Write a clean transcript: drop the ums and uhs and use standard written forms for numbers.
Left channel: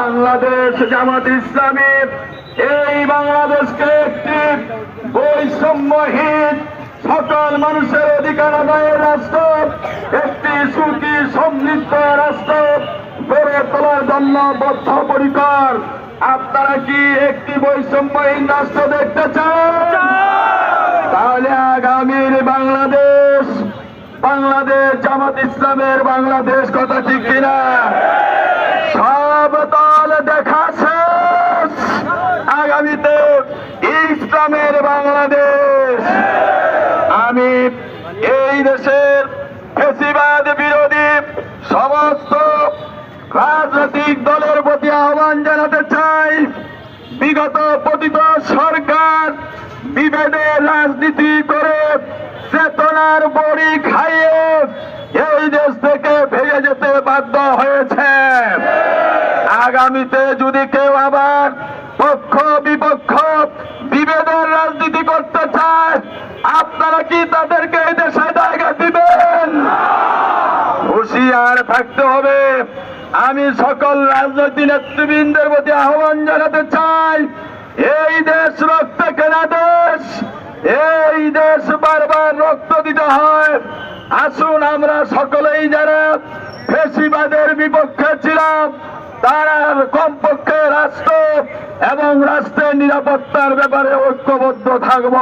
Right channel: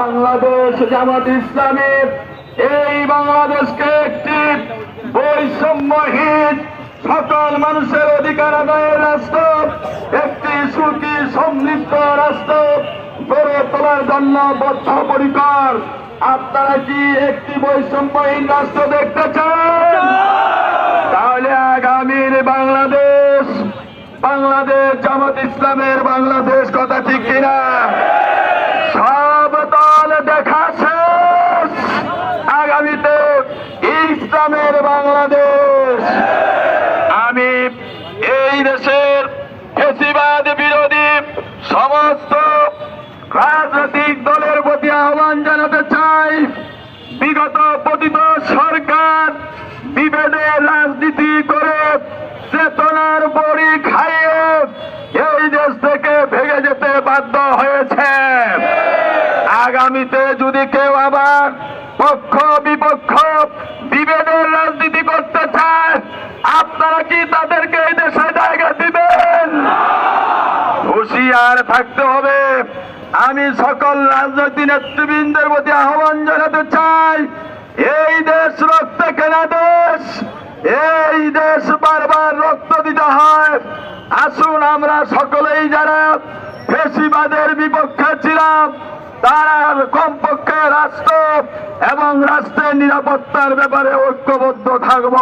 বাংলাদেশ জামাত ইসলামী এই বাংলাদেশকে একটি বৈষম্যহীন সকল মানুষের অধিকার আদায়ের রাষ্ট্র, একটি সুখী সমৃদ্ধ রাষ্ট্র গড়ে তোলার জন্য বদ্ধপরিকর। আপনারা কি একটি বৈষম্যহীন রাষ্ট্র দেখতে চান? তাহলে আগামীর বাংলাদেশ, বাংলাদেশ জামাত ইসলামের বাংলাদেশ, কথা ঠিক কিনা? সব দল দেখা শেষ, আগামীতে ইসলামের বাংলাদেশ। আমি এই দেশের ফ্যাসিবাদ বিরোধী সমস্ত রাজনৈতিক দলের প্রতি আহ্বান জানাতে চাই, বিগত পতিত সরকার বিভেদের রাজনীতি করে চেতনার বড়ি খাইয়ে এই দেশ থেকে ভেঙে যেতে বাধ্য হয়েছে। আগামীতে যদি কেউ আবার পক্ষ বিপক্ষ বিভেদের রাজনীতি করতে চায়, আপনারা কি তাদেরকে এই দেশে জায়গা দিবেন? হুঁশিয়ার থাকতে হবে। আমি সকল রাজনৈতিক নেতৃবৃন্দের প্রতি আহ্বান জানাতে চাই, এই দেশ রক্ত কেনা দেশ, এই দেশ বারবার রক্ত দিতে হয়। আসুন আমরা সকলেই যারা ফ্যাসিবাদের বিপক্ষে ছিলাম, তারা কমপক্ষে রাষ্ট্র এবং রাষ্ট্রের নিরাপত্তার ব্যাপারে ঐক্যবদ্ধ থাকব।